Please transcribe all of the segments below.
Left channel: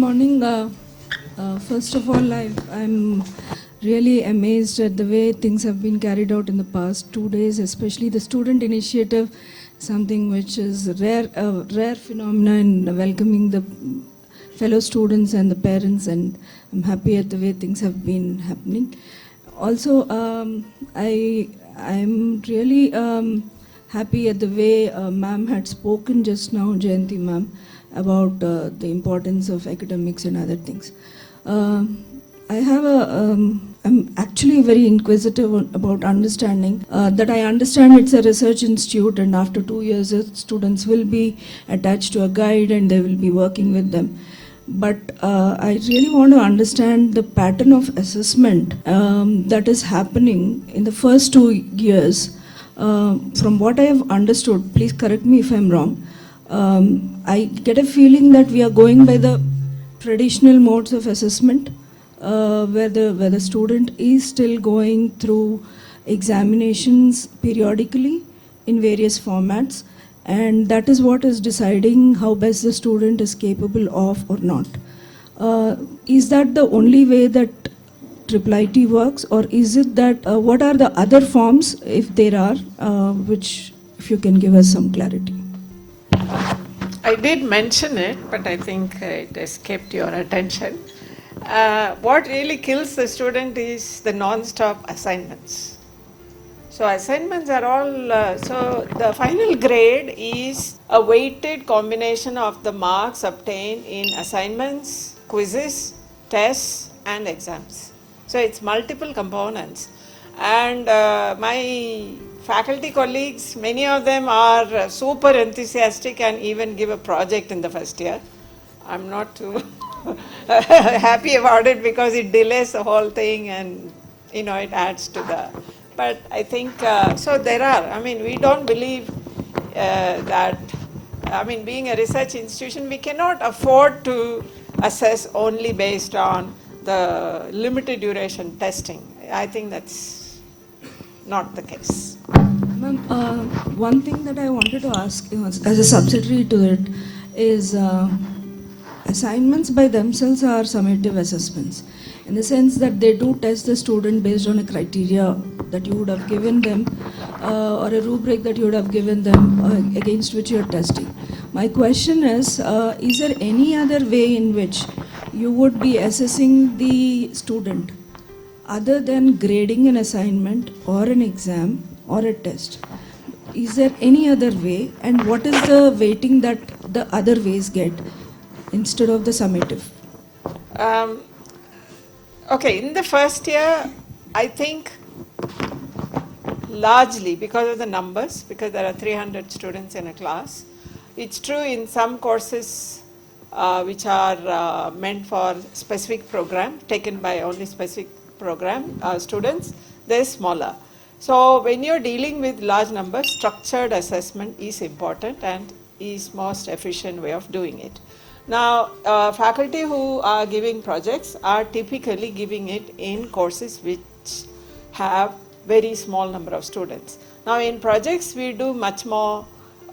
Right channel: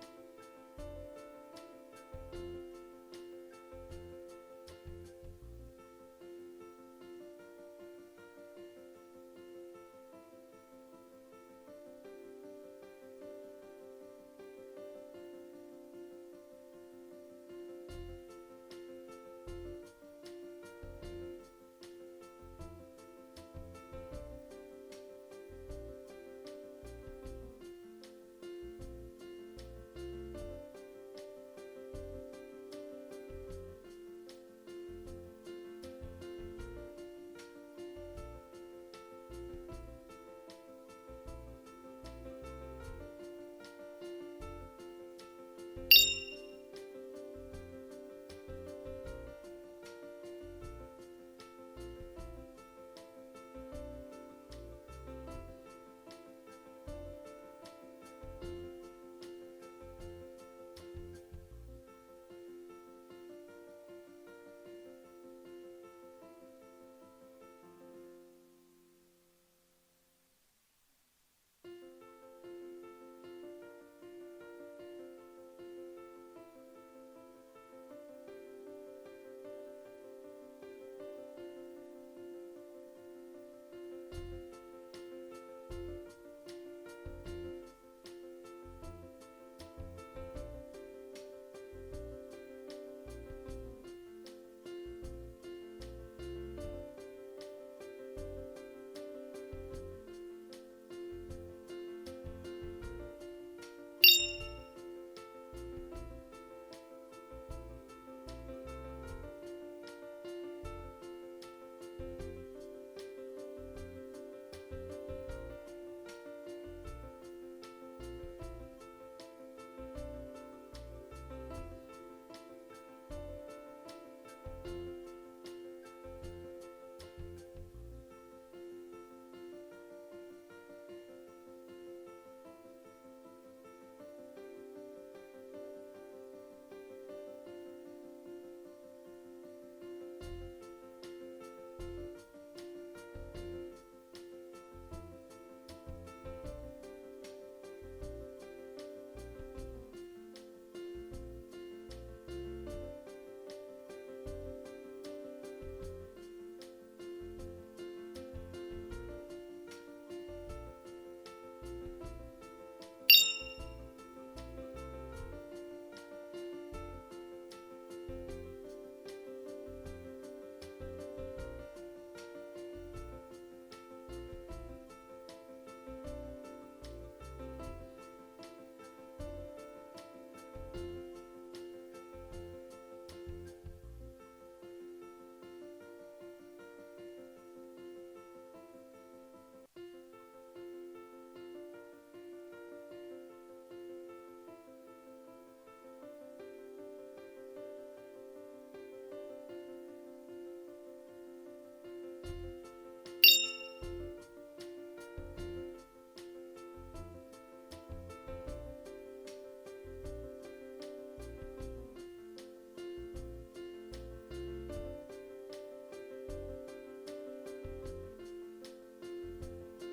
morning. First of all, I'm really amazed at the way things have been carried out in the past 2 days, especially the student initiative, something which is a rare phenomena in welcoming the fellow students and the parents, and I'm happy at the way things have been happening. Also, I'm really happy at the way ma'am had spoken just now, Jayanti ma'am, about the importance of academics and other things. I'm actually very inquisitive about understanding that I understand it's a research institute, and after 2 years students will be attached to a guide and they will be working with them. But I really want to understand the pattern of assessment that is happening in the first 2 years. From what I have understood, please correct me if I'm wrong, I get a feeling that we are going by the traditional modes of assessment, where the student is still going through examinations periodically in various formats, and that is what is deciding how best the student is capable of or not. Is that the only way that IIIT works, or is it that what are the other forms, if there are, which if you can give us some clarity? I did mention it, but I think it escaped your attention. What really kills the student is the non-stop assignments. So assignments are all, so the final grade is a weighted combination of the marks obtained in assignments, quizzes, tests and exams. So it's multiple components. And my faculty colleagues, many of them are super enthusiastic and even give a project in the first year. I'm not too happy about it because it delays the whole thing, and it adds to the, but I think, so there are, we don't believe that, being a research institution, we cannot afford to assess only based on the limited duration testing. I think that's not the case. Ma'am, one thing that I wanted to ask as a subsidiary to it is assignments by themselves are summative assessments, in the sense that they do test the student based on a criteria that you would have given them, or a rubric that you would have given them against which you are testing. My question is there any other way in which you would be assessing the student other than grading an assignment or an exam or a test? Is there any other way, and what is the weighting that the other ways get instead of the summative? Okay, in the first year, I think largely because of the numbers, because there are 300 students in a class. It's true in some courses which are meant for specific program, taken by only specific program students, they're smaller. So when you're dealing with large numbers, structured assessment is important and is most efficient way of doing it. Now, faculty who are giving projects are typically giving it in courses which have very small number of students. Now, in projects, we do much more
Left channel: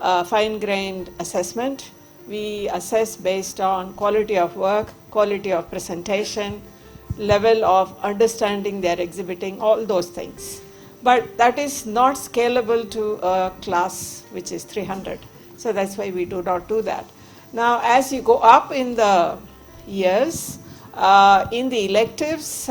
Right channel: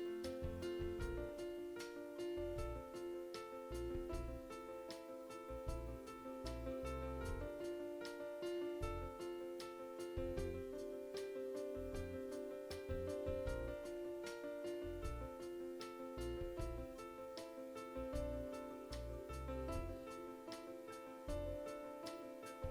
fine-grained assessment. We assess based on quality of work, quality of presentation, level of understanding they are exhibiting, all those things. But that is not scalable to a class which is 300. So that's why we do not do that. Now, as you go up in the years, in the electives,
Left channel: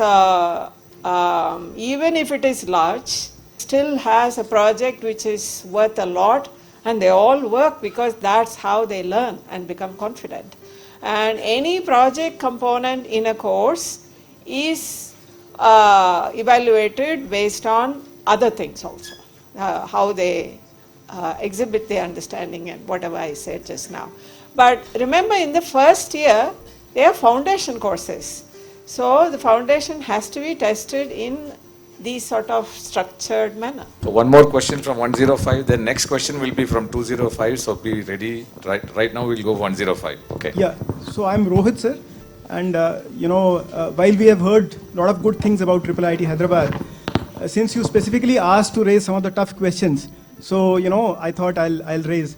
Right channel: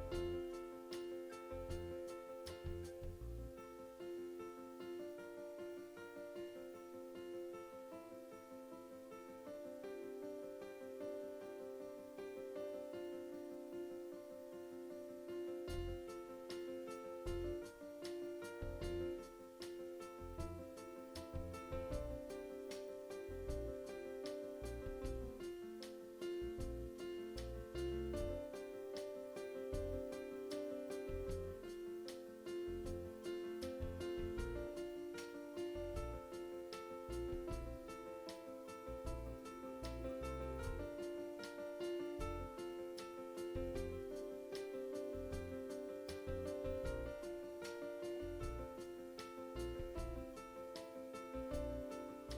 even if it is large, still has a project which is worth a lot, and they all work because that's how they learn and become confident. And any project component in a course is evaluated based on other things also, how they exhibit their understanding and whatever I said just now. But remember, in the first year, they are foundation courses. So the foundation has to be tested in these sort of structured manner. So one more question from 105. The next question will be from 205. So be ready. Right now we'll go 105. Okay. Yeah. So I'm Rohit, sir. And while we have heard a lot of good things about IIIT Hyderabad, since you specifically asked to raise some of the tough questions, so I thought I'll raise.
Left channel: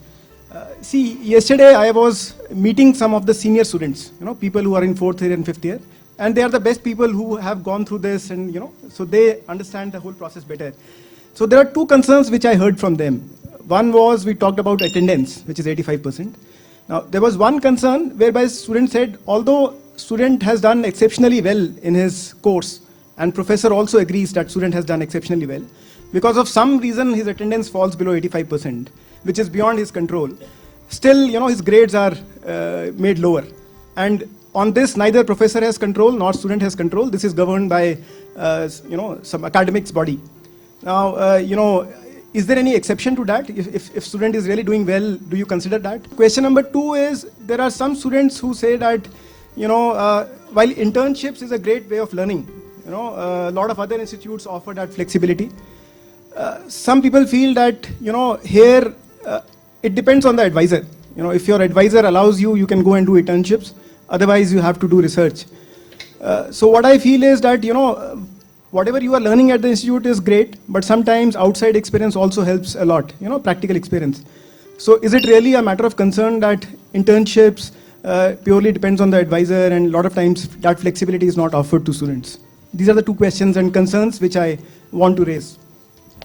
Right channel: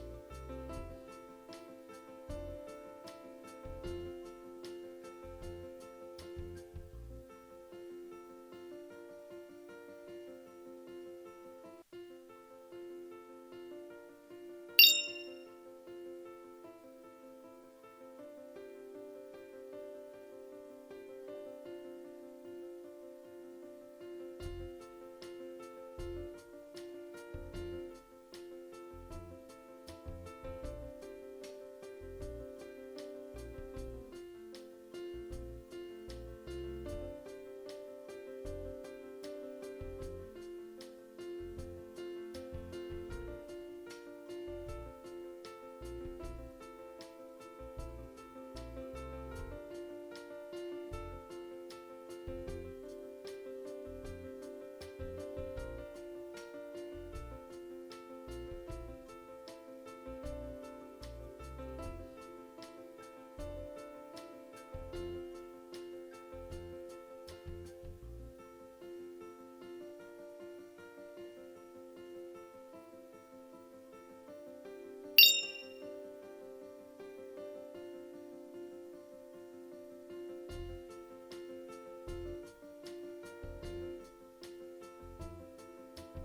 See, yesterday I was meeting some of the senior students, people who are in 4th year and 5th year, and they are the best people who have gone through this, and so they understand the whole process better. So there are two concerns which I heard from them. One was we talked about attendance, which is 85%. Now there was one concern whereby student said, although student has done exceptionally well in his course, and professor also agrees that student has done exceptionally well, because of some reason his attendance falls below 85%, which is beyond his control. Still, his grades are made lower. And on this, neither professor has control nor student has control. This is governed by, some academics body. Now, is there any exception to that? If student is really doing well, do you consider that? Question number 2 is, there are some students who say that, while internships is a great way of learning, a lot of other institutes offer that flexibility. Some people feel that, here, it depends on the advisor. If your advisor allows you, you can go and do internships. Otherwise, you have to do research. So what I feel is that, whatever you are learning at the institute is great, but sometimes outside experience also helps a lot, practical experience. So is it really a matter of concern that internships purely depends on the advisor, and a lot of times that flexibility is not offered to students? These are the two questions and concerns which I want to raise.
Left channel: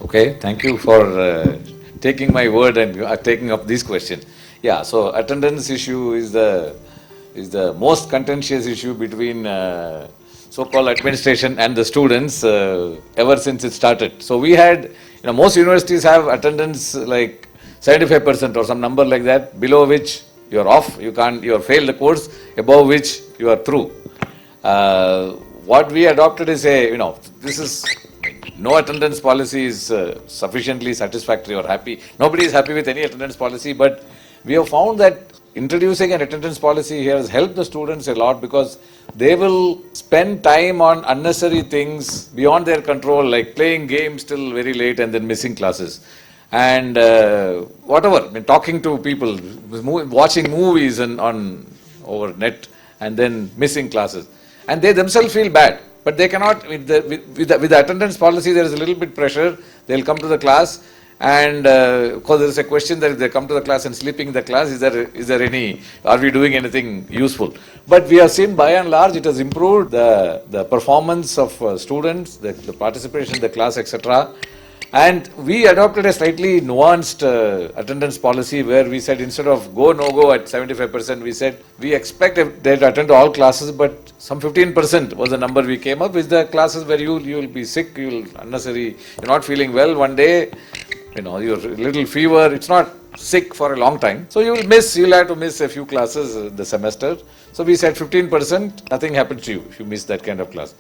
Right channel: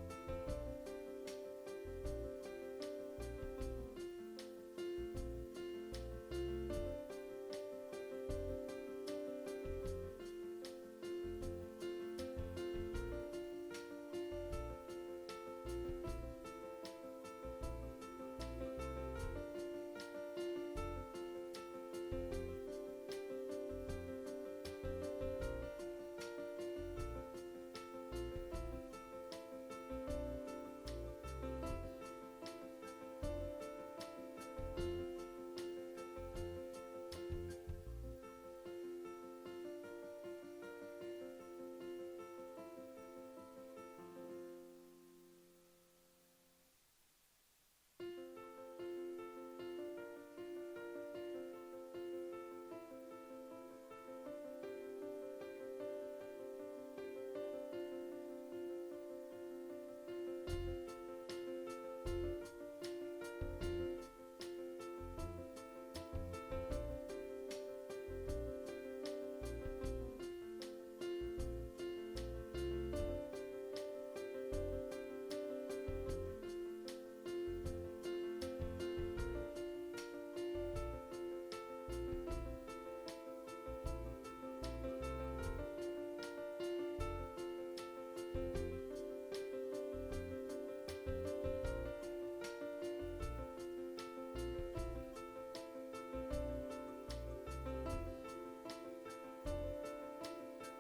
Okay, thank you for taking my word and taking up this question. Yeah, so attendance issue is the most contentious issue between so-called administration and the students ever since it started. So we had, most universities have attendance like 75% or some number like that, below which you are off, you have failed the course, above which you are through. What we adopted is this is, no attendance policy is sufficiently satisfactory or happy. Nobody is happy with any attendance policy, but we have found that introducing an attendance policy here has helped the students a lot, because they will spend time on unnecessary things beyond their control, like playing games till very late and then missing classes. And whatever, talking to people, watching movies over net and then missing classes. And they themselves feel bad. But they cannot, with the attendance policy, there is a little bit pressure. They'll come to the class, and because there is a question that if they come to the class and sleeping in the class, is there any, are we doing anything useful? But we have seen by and large it has improved the performance of students, the participation in the class, etc. And we adopted a slightly nuanced attendance policy where we said, instead of go, no go at 75%, we said we expect they to attend all classes, but some 15% was the number we came up with, the classes where you will be sick, you're not feeling well one day, you're a little fever, it's not sick for a long time. So you'll have to miss a few classes the semester. So we said 15%, nothing happens to you if you miss that kind of class.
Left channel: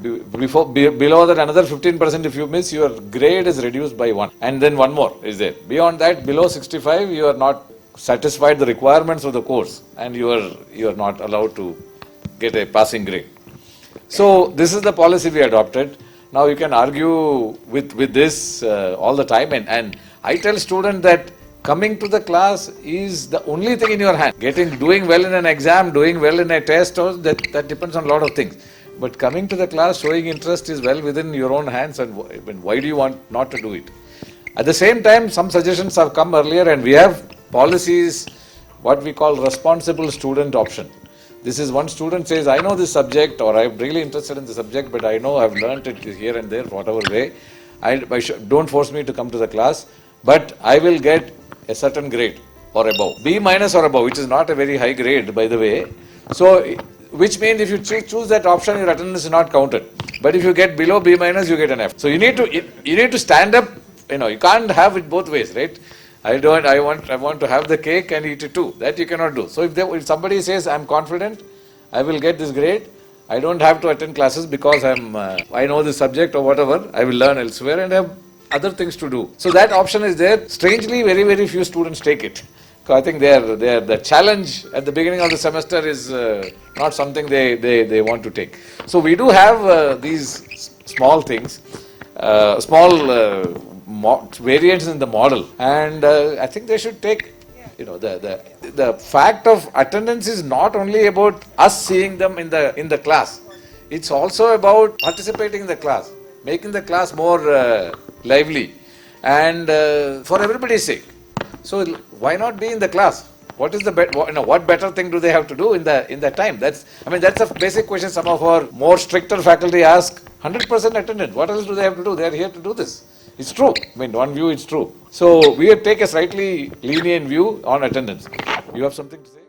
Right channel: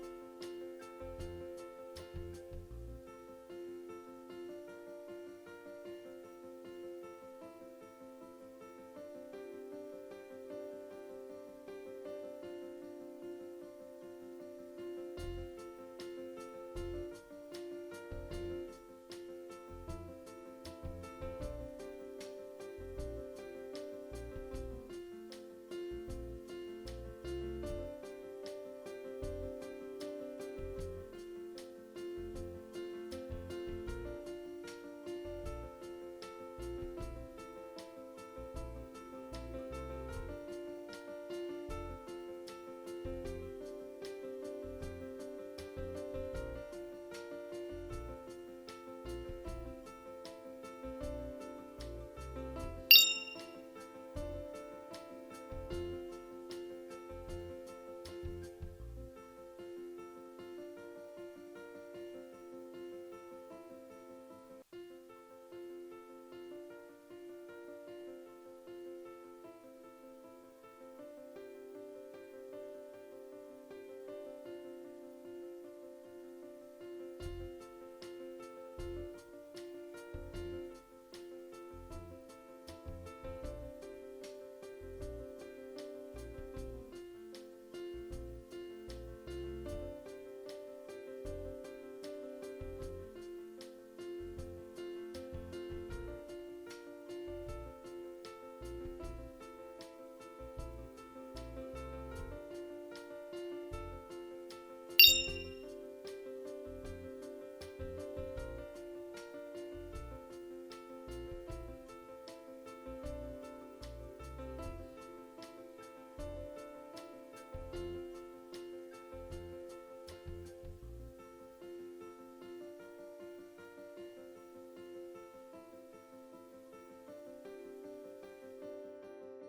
Below that, another 15% if you miss, your grade is reduced by 1. And then one more is there. Beyond that, below 65, you are not satisfied the requirements of the course, and you are not allowed to get a passing grade. So this is the policy we adopted. Now you can argue with this all the time, and I tell students that coming to the class is the only thing in your hand. Doing well in an exam, doing well in a test, that depends on a lot of things. But coming to the class, showing interest is well within your own hands, and why do you want not to do it? At the same time, some suggestions have come earlier, and we have policies, what we call responsible student option. This is one student says, I know this subject, or I'm really interested in the subject, but I know I've learned it here and there, whatever way. Don't force me to come to the class, but I will get a certain grade or above. B minus or above, which is not a very high grade, by the way. So, which means if you choose that option, your attendance is not counted. But if you get below B minus, you get an F. So you need to stand up. You can't have it both ways, right? I want to have the cake and eat it too. That you cannot do. So if somebody says, I'm confident, I will get this grade, I don't have to attend classes because I know this subject or whatever, I will learn elsewhere and have other things to do. So that option is there. Strangely, very, very few students take it. So I think the challenge at the beginning of the semester is not something they want to take. So we do have these small things, variants in the model, and I think they should take. The fact of attendance is not only about us seeing them in the class. It's also about participating in the class, making the class more lively, and for everybody's sake. So why not be in the class? What is the what better thing do they have to do in that time? That's a basic question some of our more stricter faculty ask. 100% attendance. What else do they have to do? They are here to do this. It's true. One view it's true. So we take a slightly lenient view on attendance. You have something to say?